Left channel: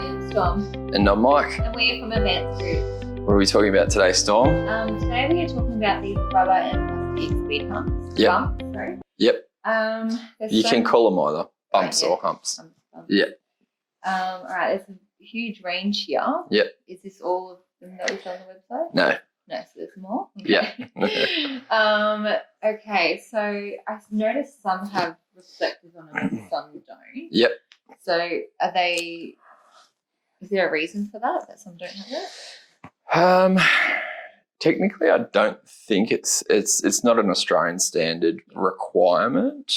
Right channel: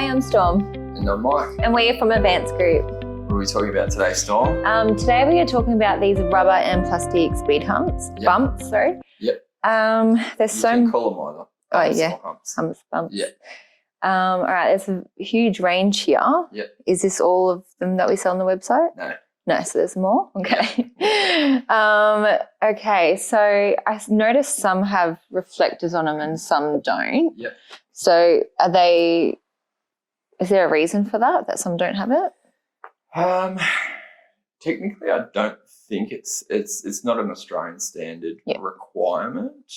Hi, I'm Storm. And I'm Mike. And we're from Advanced Group. What are we talking about today, Storm? Today we are talking about these rubber and plastic speed humps. Yep. Bumps, sorry. Yep. There's You can call them either. Humps or humps. Bumps. Yeah. All right, there's a huge range here. Yep. Is this all of them that we sell on the website? No. No, so there's more? Okay. Yeah. Okay, so I noticed some have reflectors on them and some don't. Yep. So is there a reason for that some don't have it? Technically, I don't think it's not an Australian standard requirement.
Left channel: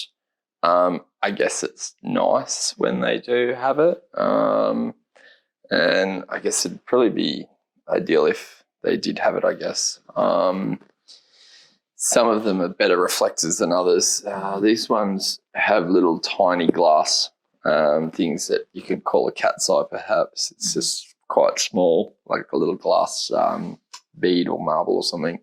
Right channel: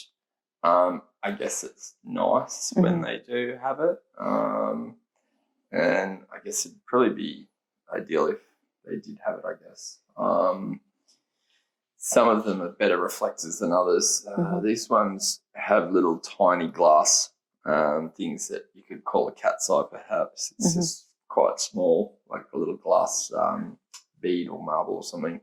I guess it's nice when they do have it. And I guess it'd probably be ideal if they did have it, I guess. Some of them are better reflectors than others. These ones have little tiny glass things that you could call a cat's eye perhaps. It's just quite small, like a little glass bead or marble or something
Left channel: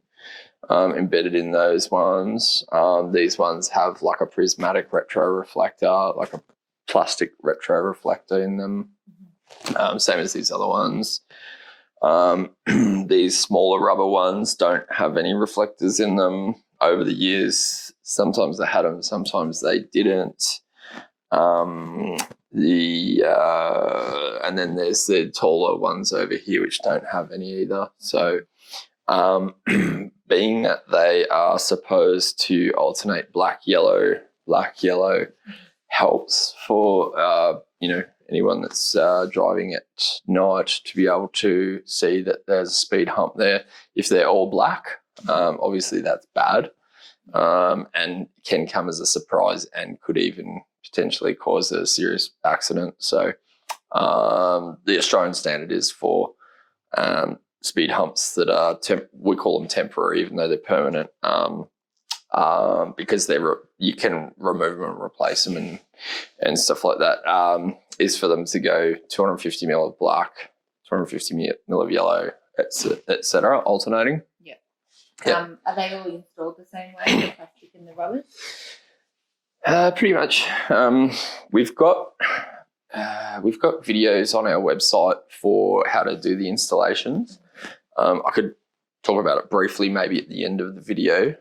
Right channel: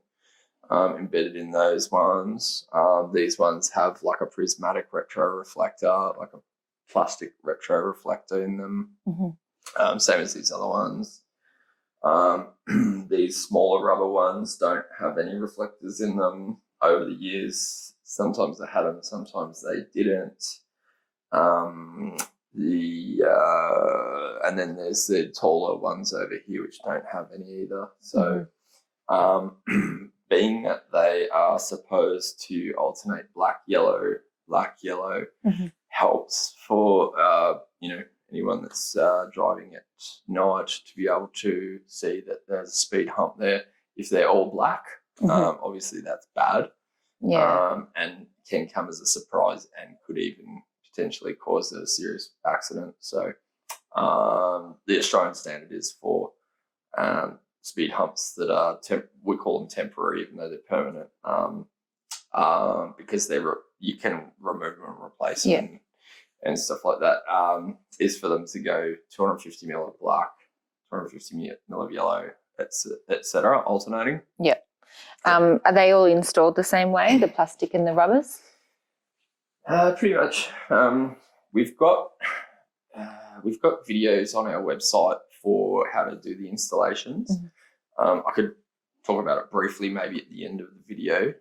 embedded in those ones. These ones have like a prismatic retroreflector, like a plastic retroreflector in them, same as these other ones. These smaller rubber ones don't have any reflectors in them. Over the years, sometimes they had them, sometimes they didn't. And then there's the taller ones over here which don't have any either. So being that they are supposed to alternate black yellow helps for anyone that's driving at night to be able to see that there's a speed hump there. If they're all black, obviously that's bad, and can come as a surprise and could even potentially cause a serious accident. So the Australian standard is for speed humps that are we call them temporary, even though they're permanent, because you can remove them and replace them and stuff like that. Is for them to go 250 mil of black, 250 mil of yellow, etc., alternating. Yeah. Are they all installed the same way, the plastic and the rubbers? Pretty much. We've got videos on our website for how to do the installations. I could talk about it briefly maybe at the end of the video.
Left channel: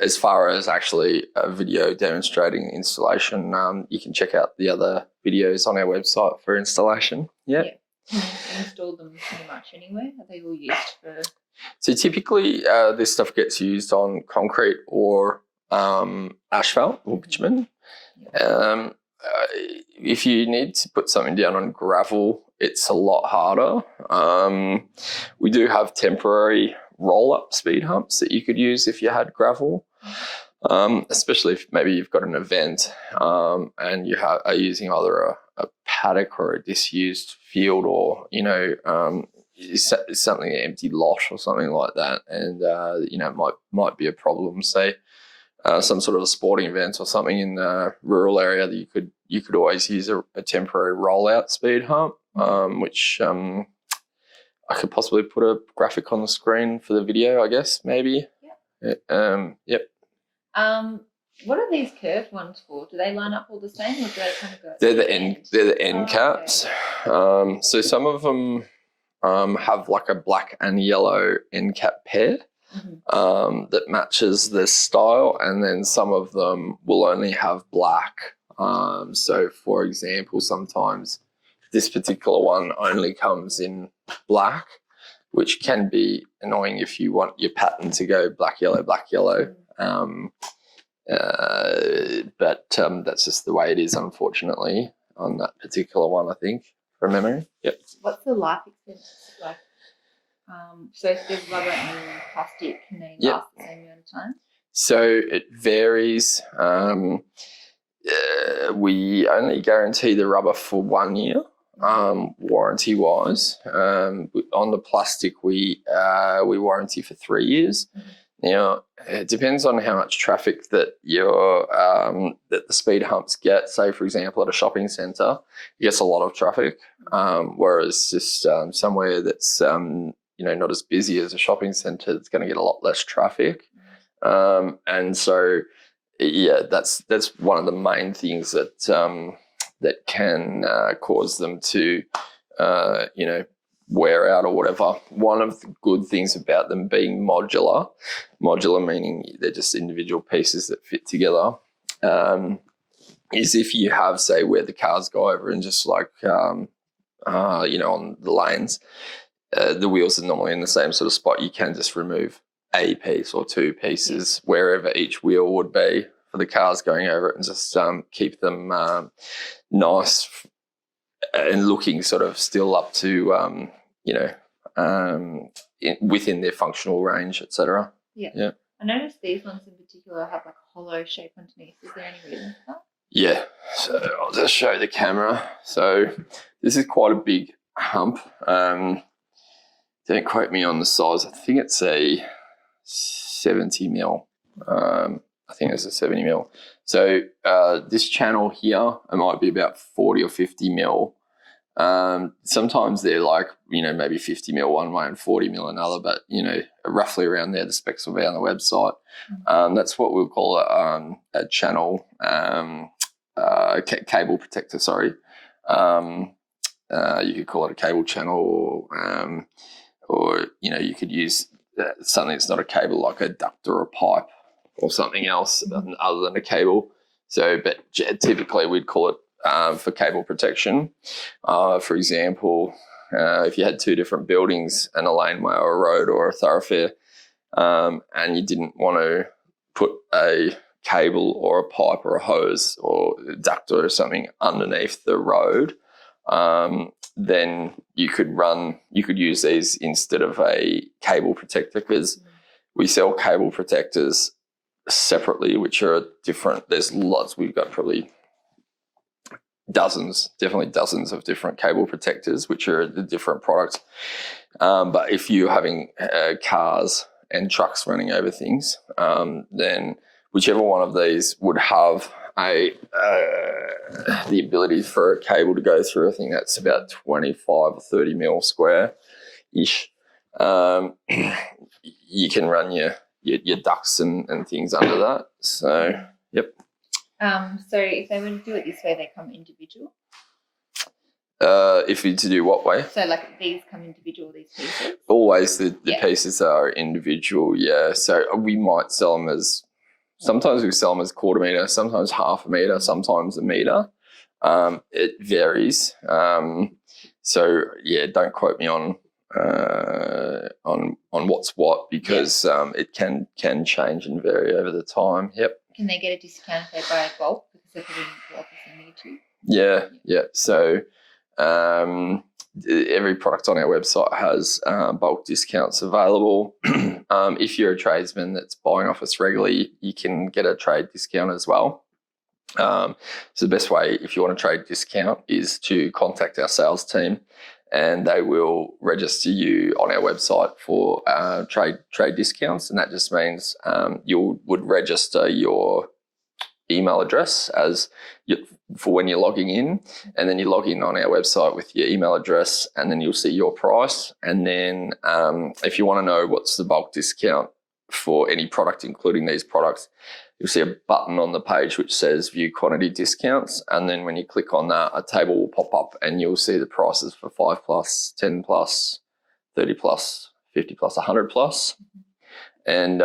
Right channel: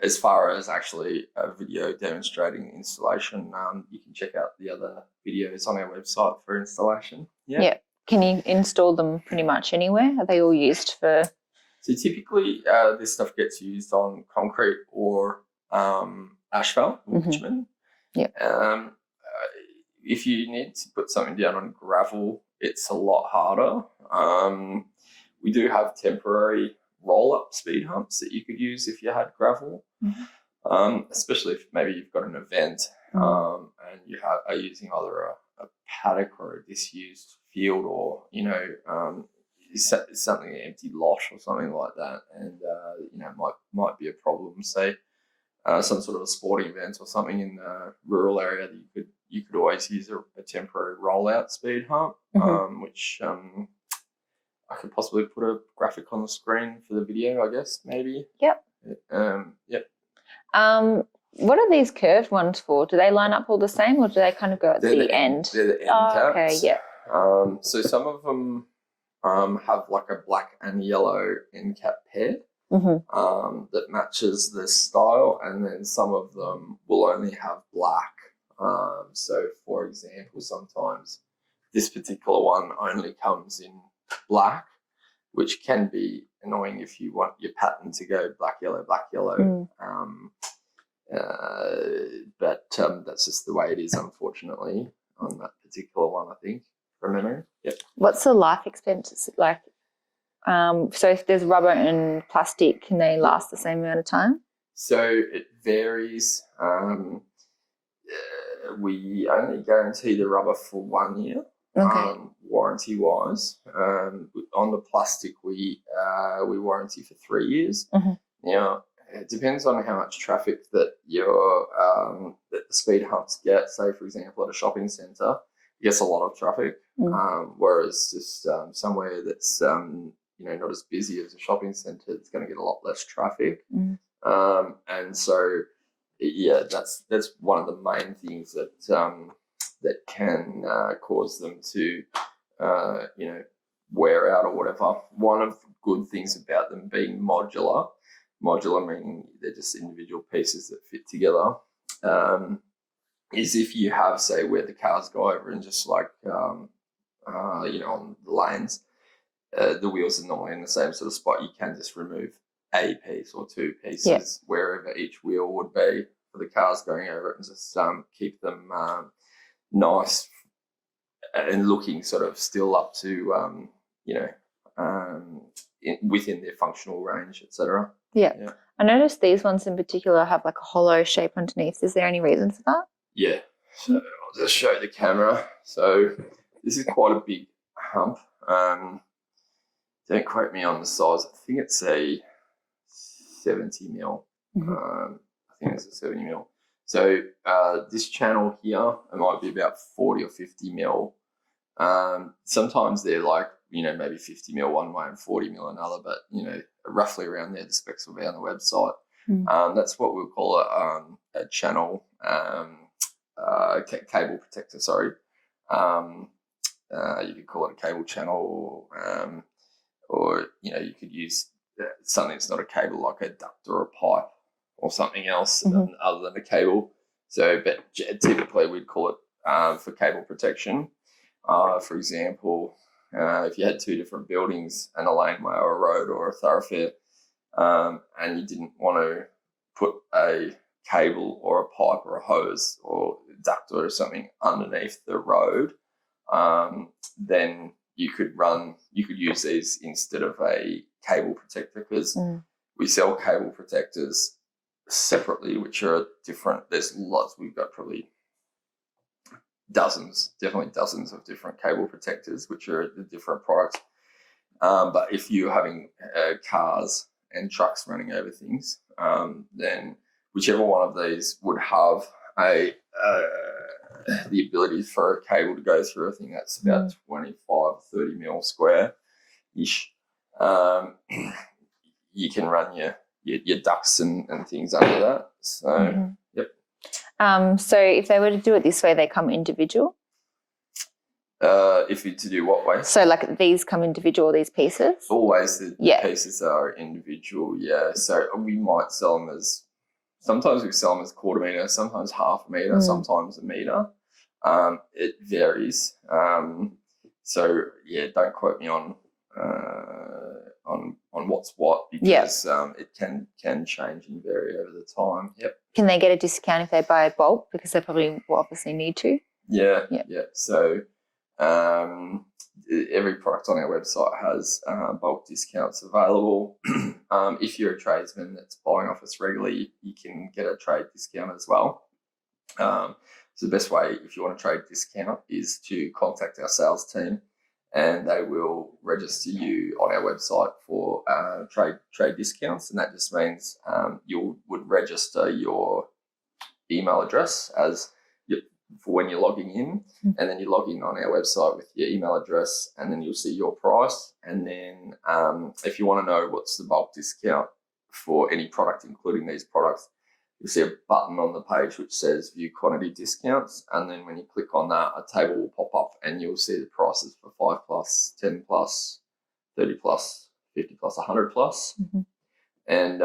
As far as actually a video demonstrating installation, you can check out the other videos on our website for installation. Yeah. Can you install them pretty much anywhere? Are they all used for... So typically this stuff gets used on concrete or asphalt or bitumen. If you need to put something down on gravel, it's a lot harder. We do have temporary roll-up speed humps that you could use if you had gravel, especially if maybe you've got an event and you are using either a paddock or a disused field, or something an empty lot or something like that, and might be a problem. Say some sort of a sporting event or something in the rural area, that you could always use a temporary rollout speed hump, which I could possibly put a graphic on the screen for the video, I guess, maybe. Yep. Yep. What are these curved ones for? Do they line up all the same, or do they kind of go at the end? They're the end caps. Okay, yeah. So some of them have like a black and yellow end cap pair that matches this style, and then some of them will only have black. So, for example, sometimes this particular one only comes in black, which can be annoying if you want your pattern to go black, yellow, black, yellow. But that's just the way it is, unfortunately, on that particular one, I think, from memory. Yep. What's the life expectancy like? So if there's rubber and plastic, can they last the same amount of time? So it varies. We only guarantee the rubber for 1 year. Warranty wise. On the plastic, we warranty for 3 years. Now, it depends on how much traffic that that the speed humps get. Say, for example, at a shopping centre, it gets a lot of traffic, whereas just somewhere that's not as busy as a shopping centre, it's going to get a lot less traffic. And so, yeah, that's one of the main things that that can cause them to, wear out or whatever. One of the good things about them being modular meaning they're just individual pieces that fit together, is if you have, say, where the cars go over and just like, on the lanes, the wheels are normally in the same sort of spot. You can just remove a piece or two pieces wherever each wheel would be for the cars going over it, and just keep them nice and looking sort of still up to, within their functional range, etc. Yeah. I noticed these ones in particular have like a hollow shape underneath. Is there any reason for that? Yeah. So I'll just show the camera. So this is quite a big hump. Don't quote me on the size. I think it's a 70 mil. I think it's a 70 mil. So this channel here, it might be about 40 or 50 mil. Sometimes they're like, maybe 50 mil one way and 40 mil another, but, roughly around there, the specs will be on the website. That's what we'll call a channel, cable protector, sorry. You could call it a cable channel, or you could use something that's not a cable, like a duct or a pipe or something else other than a cable. So, but typically we'd call it for cable protection. For example, if you had two different buildings and a laneway or a road or a thoroughfare, and you didn't want to put a cable or a pipe or a hose or a duct or something underneath the road, then you could use these instead of a cable protector, because we sell cable protectors separately, which are different. There's lots. We've got probably definitely dozens of different cable protectors, which are the different products. But if you're having cars and trucks running over things, then whichever one of these would have the ability for a cable to go through, I think that's about 25 or 30 mil square-ish. You can run your ducts and things under that. So, yep. So if they were to do it this way, they come individual? If you to do what way? So like these come individual, these pieces? Always the pieces are individual, yeah. So we might sell them as, sometimes we sell them as quarter metre, sometimes half a metre, sometimes a metre. It varies. So yeah, don't quote me on what's what, because it can change and vary over the time. Yep. Can they get a discount if they buy a bulk, because they probably will obviously need to? Yeah. So every product on our website has bulk discounts available. If you're a tradesman that's buying off us regularly, you can get a trade discount as well. So the best way, if you want a trade discount, is to contact our sales team, and they will register you on our website for trade discounts. And that just means you would register your email address for when you're logging in, and then you log in on our website with your email address, and then you'll see your price. And then if you want to know what's the bulk discount for any product, including these products, you'll see a button on the page which says view quantity discounts. And then when you click on that, a table will pop up and you'll see the prices for 5 plus, 10 plus, 30 plus, 50 plus, 100 plus. And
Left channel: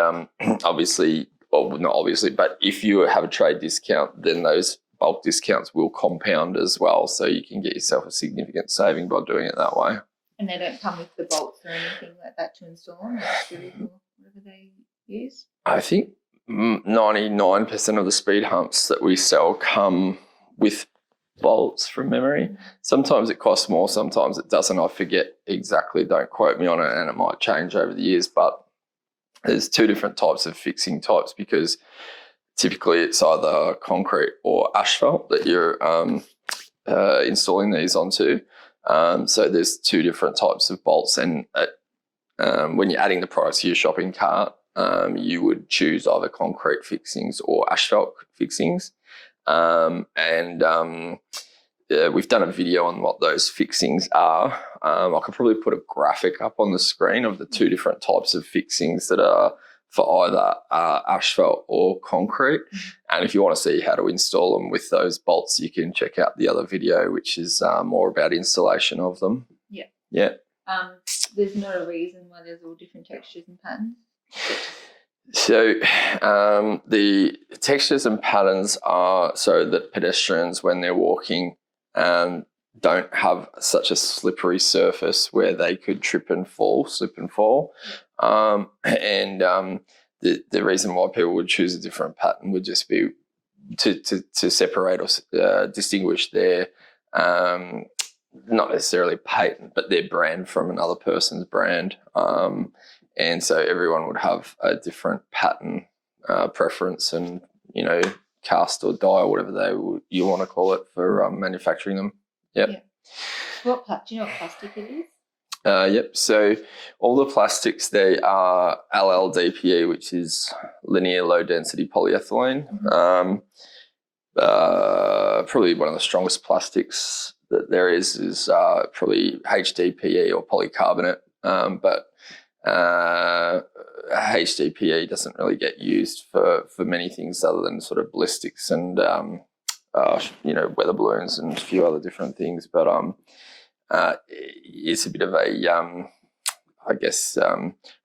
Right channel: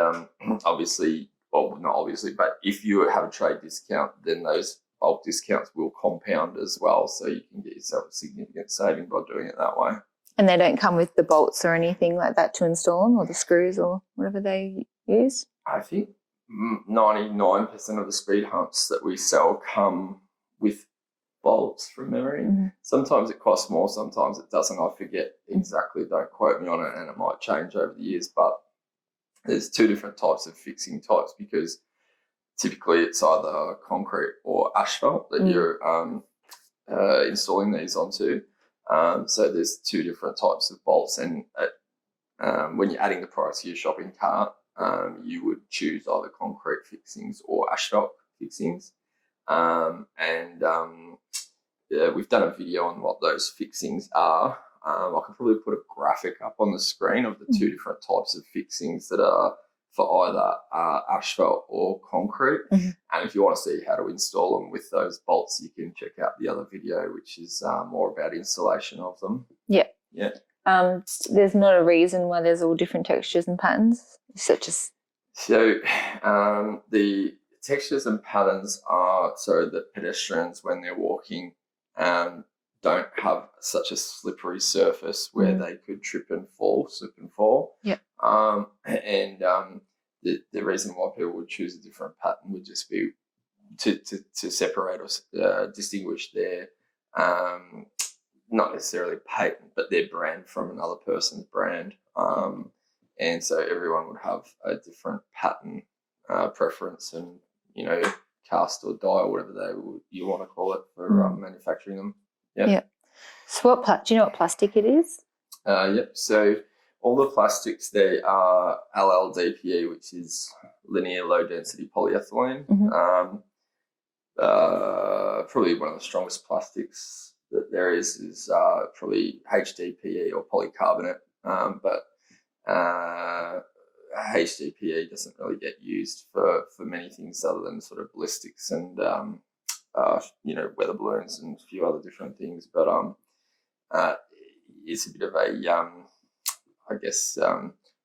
obviously, well, not obviously, but if you have a trade discount, then those bulk discounts will compound as well. So you can get yourself a significant saving by doing it that way. And they don't come with the bolts or anything like that to install them, or the screws or whatever they use? I think 99% of the speed humps that we sell come with bolts from memory. Sometimes it costs more, sometimes it doesn't. I forget exactly, don't quote me on it, and it might change over the years. But there's two different types of fixing types, because typically it's either concrete or asphalt that you're installing these onto. So there's two different types of bolts, and when you're adding the products to your shopping cart, you would choose either concrete fixings or asphalt fixings. We've done a video on what those fixings are. I could probably put a graphic up on the screen of the two different types of fixings that are for either asphalt or concrete. And if you want to see how to install them with those bolts, you can check out the other video, which is more about installation of them. Yeah. Yeah. There's not a reason why there's all different textures and patterns. So the textures and patterns are so that pedestrians, when they're walking, don't have such a slippery surface where they could slip and fall. Yeah. The reason why people would choose a different pattern would just be to separate or distinguish their not necessarily patent, but their brand from another person's brand. And so everyone would have a different pattern preference and, cast or dye or whatever you want to call it for manufacturing them. Yep. Yeah. So do you know what plastic it is? Yep. So all the plastics, they are LLDPE, which is linear low density polyethylene. Probably one of the strongest plastics that there is probably HDPE or polycarbonate. But HDPE doesn't really get used for many things other than sort of ballistics and weather balloons and a few other different things. But it's a bit of a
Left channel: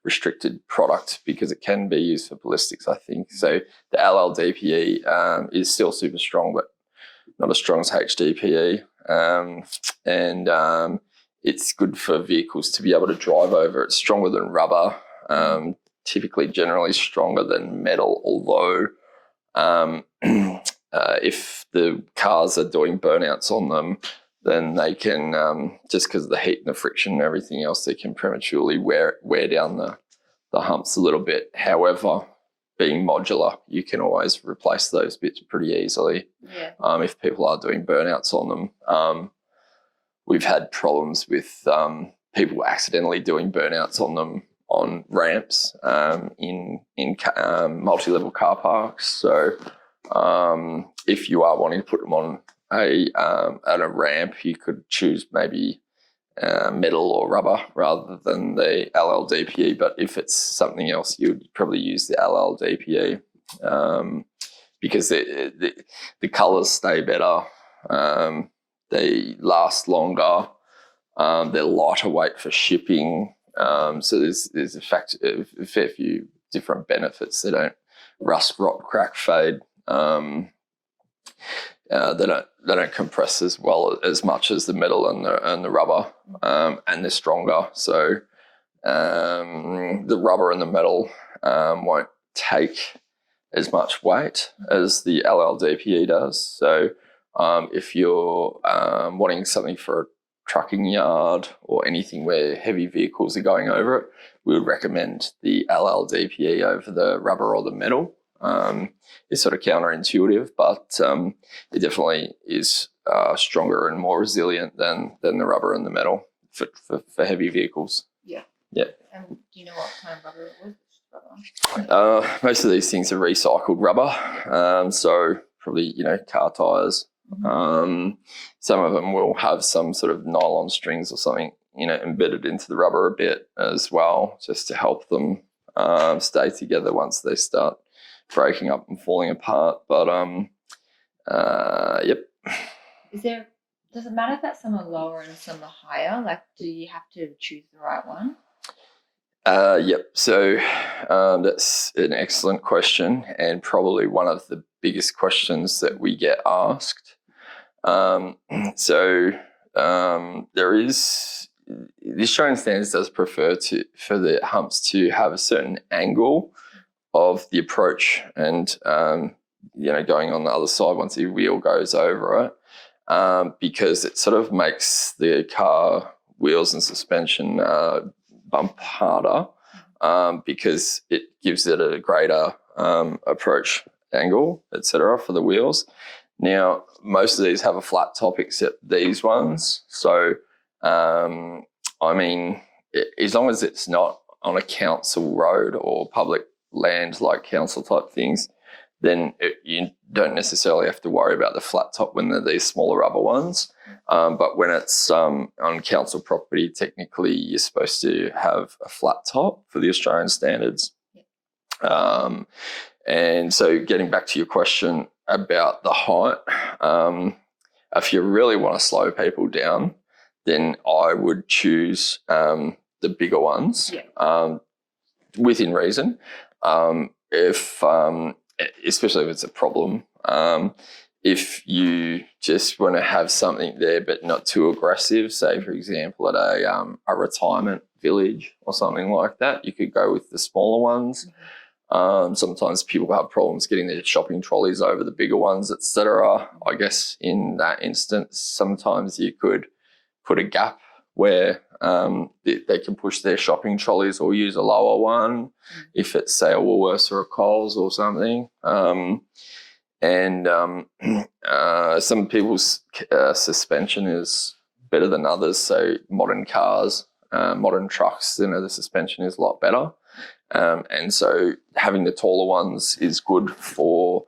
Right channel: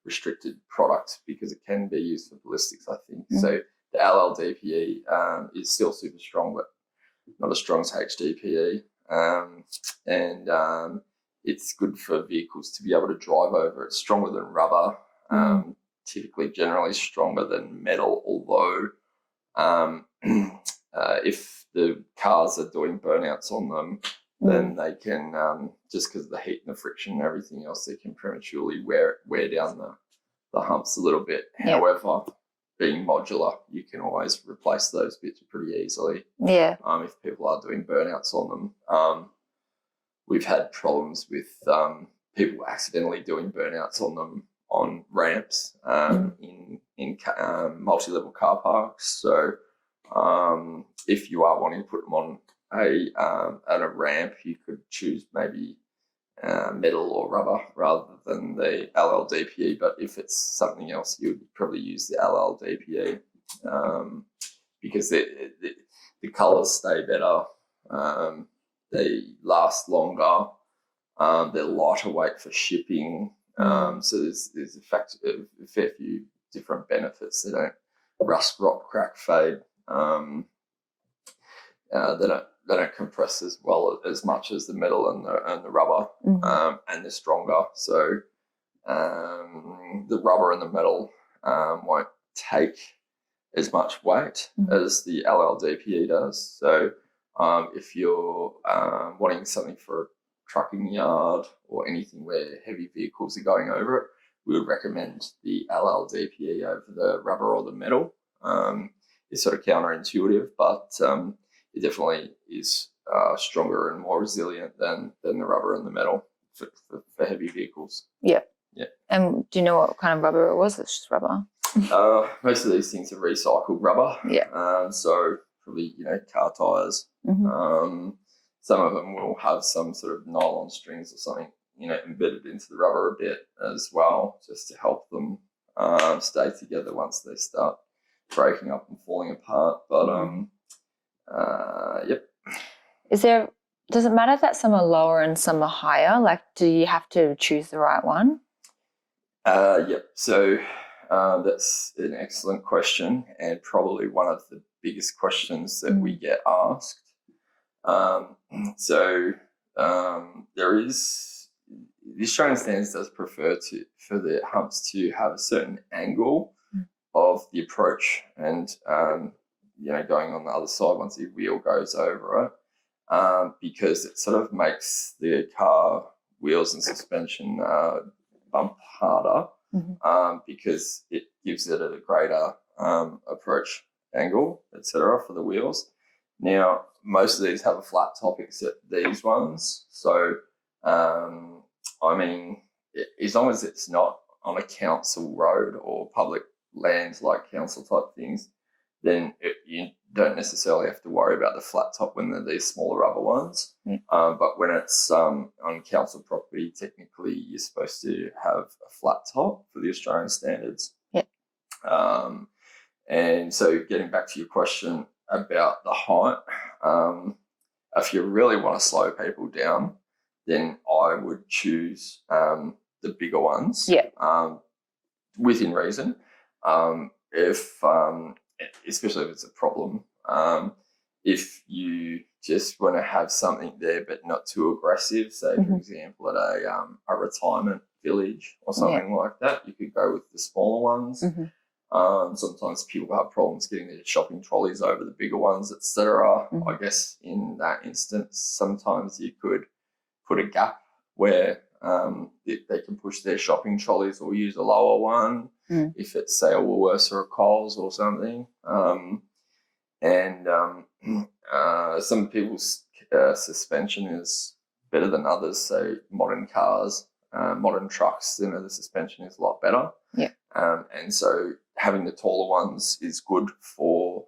restricted product because it can be used for ballistics, I think. So the LLDPE is still super strong, but not as strong as HDPE. It's good for vehicles to be able to drive over. It's stronger than rubber, typically generally stronger than metal, although if the cars are doing burnouts on them, then they can, just because of the heat and the friction and everything else, they can prematurely wear down the humps a little bit. Yeah. However, being modular, you can always replace those bits pretty easily. Yeah. If people are doing burnouts on them. We've had problems with people accidentally doing burnouts on them on ramps in multi-level car parks. So if you are wanting to put them on at a ramp, you could choose maybe metal or rubber rather than the LLDPE. But if it's something else, you would probably use the LLDPE because the colours stay better. They last longer. They're lighter weight for shipping. So there's a fair few different benefits. They don't rust, rot, crack, fade. They don't compress as well as much as the metal and the rubber, and they're stronger. So the rubber and the metal won't take as much weight as the LLDPE does. So if you're wanting something for a trucking yard or anything where heavy vehicles are going over it, we would recommend the LLDPE over the rubber or the metal. It's sort of counterintuitive, but it definitely is stronger and more resilient than the rubber and the metal for heavy vehicles. Yeah. Yeah. And do you know what kind of rubber it was? It's just rubber. Most of these things are recycled rubber. Yeah. So probably, car tires. Some of them will have some sort of nylon strings or something, embedded into the rubber a bit as well, just to help them stay together once they start breaking up and falling apart. But yep. Does it matter that some are lower and some are higher? Like, do you have to choose the right one? Yep. So that's an excellent question, and probably one of the biggest questions that we get asked. There is, the Australian standards does prefer for the humps to have a certain angle of the approach and, going on the other side once the wheel goes over it, because it sort of makes the car wheels and suspension bump harder, because it gives it a greater approach angle, etc., for the wheels. Now, most of these have a flat top except these ones. So, as long as it's not on a council road or public land like council type things, then you don't necessarily have to worry about the flat top when they're these smaller rubber ones. But when it's on council property, technically you're supposed to have a flat top for the Australian standards. Yeah. And so getting back to your question about the height, if you really want to slow people down, then I would choose the bigger ones, within reason. Especially if it's a problem, if you just want to have something there but not too aggressive, say for example at a retirement village or something like that, you could go with the smaller ones. Sometimes people have problems getting their shopping trolleys over the bigger ones, etc. I guess in that instance, sometimes you could put a gap where they can push their shopping trolleys or use a lower one if it's, say, a Woolworths or a Coles or something. Some people's suspension is better than others. So modern cars, modern trucks, the suspension is a lot better. And so having the taller ones is good for,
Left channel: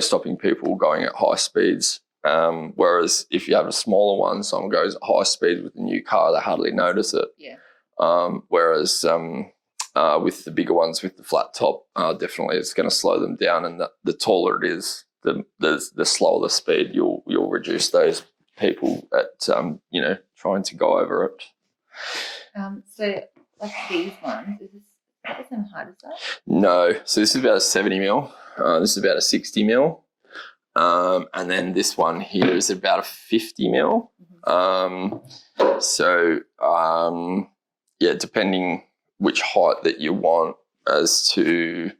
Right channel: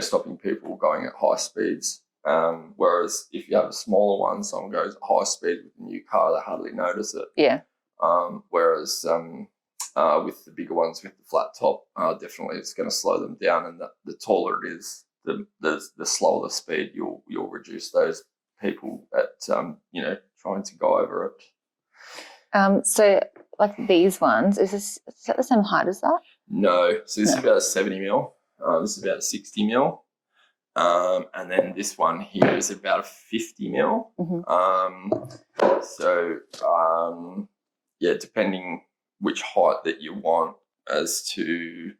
stopping people going at high speeds. Whereas if you have a smaller one, someone goes at high speed with a new car, they hardly notice it. Whereas with the bigger ones with the flat top, definitely it's going to slow them down. And the taller it is, the slower the speed, you'll reduce those people at trying to go over it. So like these ones, is that the same height as that? No. So this is about a 70 mil. This is about a 60 mil. And then this one here is about a 50 mil. Depending which height that you want as to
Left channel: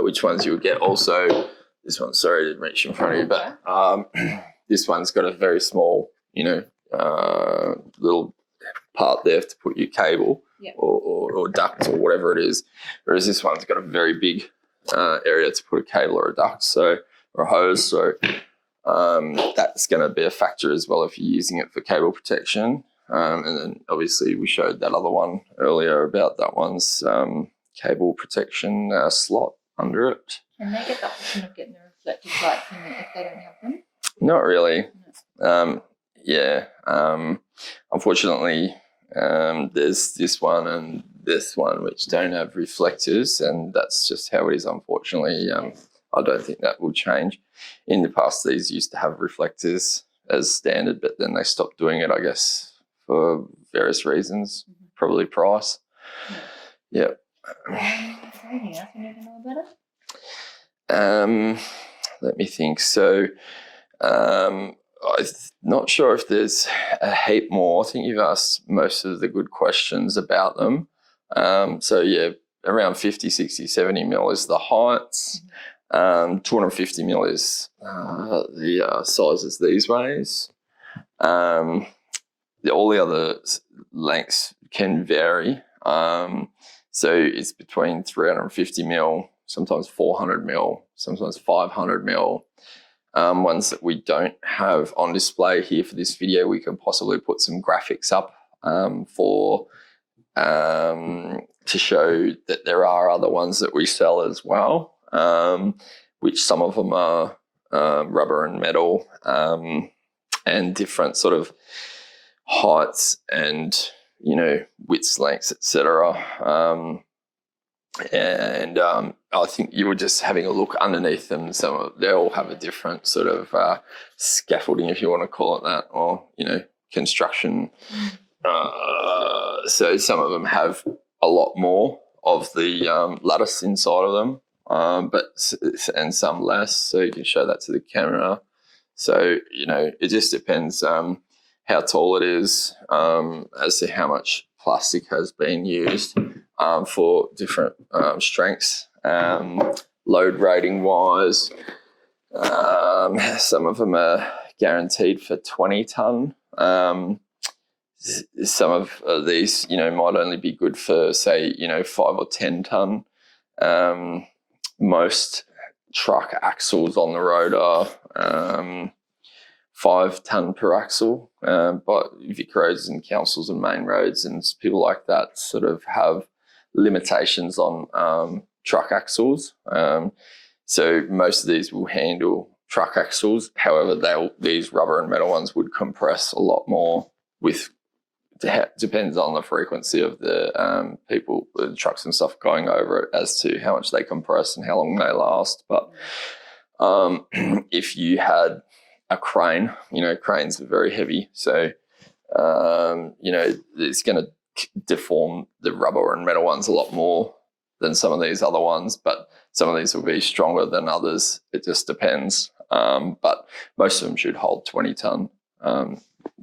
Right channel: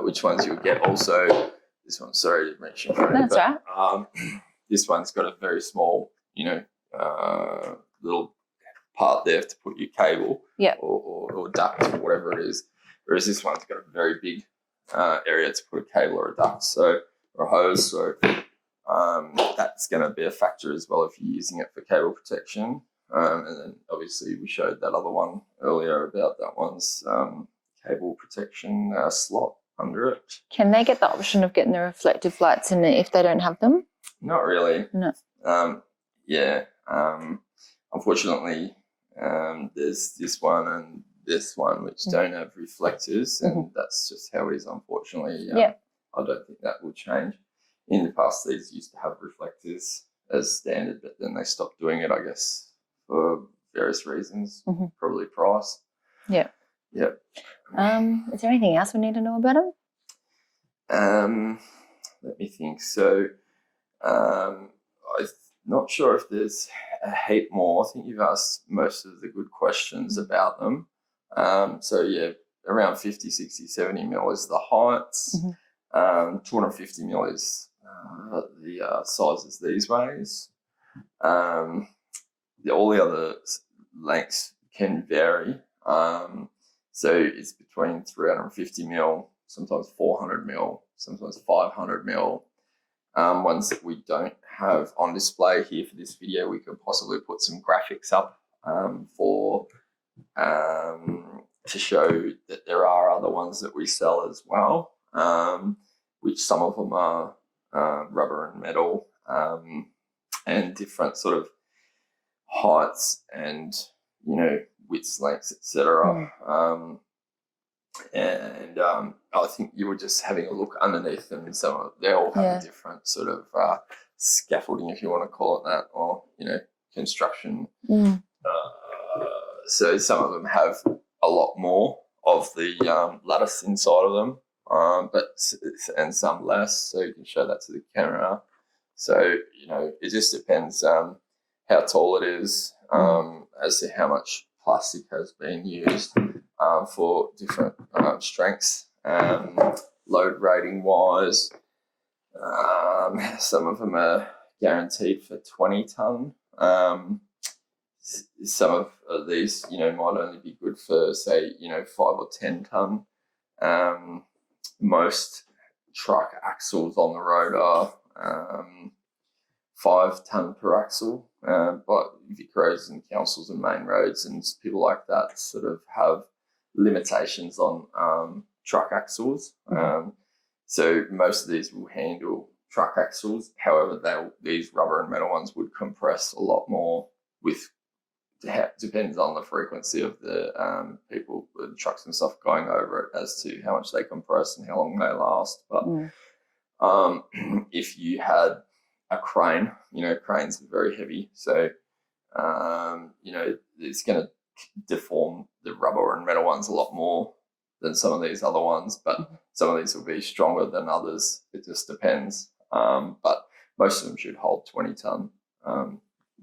which ones you'll get. Also, this one, sorry, I didn't reach in front of you, but this one's got a very small, little part there to put your cable or duct or whatever it is, whereas this one's got a very big area to put a cable or a duct, or a hose. So that's going to be a factor as well if you're using it for cable protection. And then obviously we showed that other one earlier about that one's cable protection slot under it. Can they get the option of getting the reflective lights in it if they don't have them? Not really. No. Unfortunately, there's this one and this one which don't have reflectors, and that's just how it is, unfortunately. I don't think that will change. In the past, these used to have reflectors as standard, but then they stopped doing it, I guess, for various reasons, probably price. Is there anything else we need to know about them? Let me think. So I'm not sure if there's a heap more. I think you've asked most of the good questions about them. Around 50, 60, 70 mil is the heights. 250 mil is the sizes these ways. All the other lengths can vary. So it's between 350 mil, sometimes 400 mil, sometimes 500 mil. Ones that we don't have on display here for this video, we can possibly put some graphics up to show that there are other ones that we sell as well, which some of them are rubber and metal and different sort of heights and widths, lengths, etc. I think you were just having a look underneath them. They all have a different sort of scaffolding, if you want to call it that, or construction. So some of them have a lot more of the lattice inside of them, and some less. So you can show that to the camera. So it just depends how tall it is, as to how much plastic has been used for different strengths, load rating wise. Some of them are guaranteed for 20 tonne. Some of these, might only be good for, say, 5 or 10 tonne. Most truck axles on the road are 5 tonne per axle, but Vic roads and councils and main roads and people like that sort of have limitations on truck axles. So most of these will handle truck axles. However, these rubber and metal ones would compress a lot more with depends on the frequency of the people, the trucks and stuff going over it as to how much they compress and how long they last. But if you had a crane, cranes are very heavy, so it's going to deform the rubber and metal ones a lot more than some of these other ones, but some of these will be stronger than others. It just depends. But most of them should hold 20 ton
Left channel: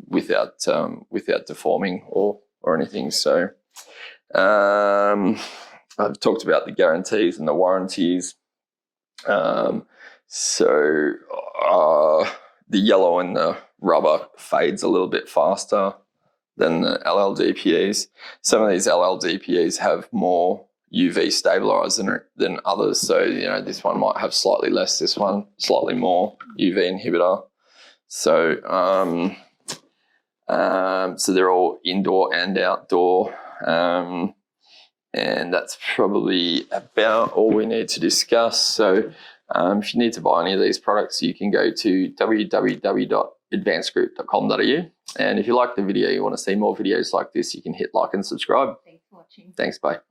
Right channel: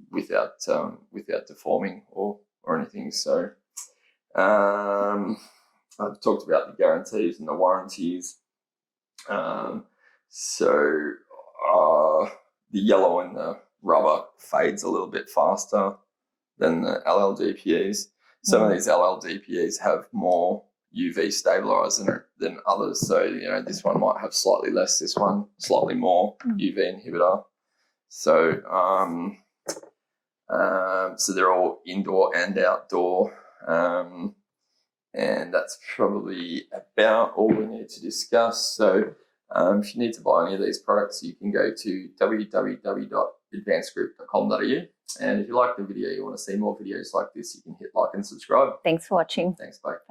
without deforming or anything. So I've talked about the guarantees and the warranties. So the yellow in the rubber fades a little bit faster than the LLDPEs. Some of these LLDPEs have more UV stabilizer than others. So, this one might have slightly less, this one slightly more UV inhibitor. So, so they're all indoor and outdoor. And that's probably about all we need to discuss. So, if you need to buy any of these products, you can go to www.advancedgroup.com.au. And if you like the video, you want to see more videos like this, you can hit like and subscribe. Thanks for watching. Thanks, bye. Bye.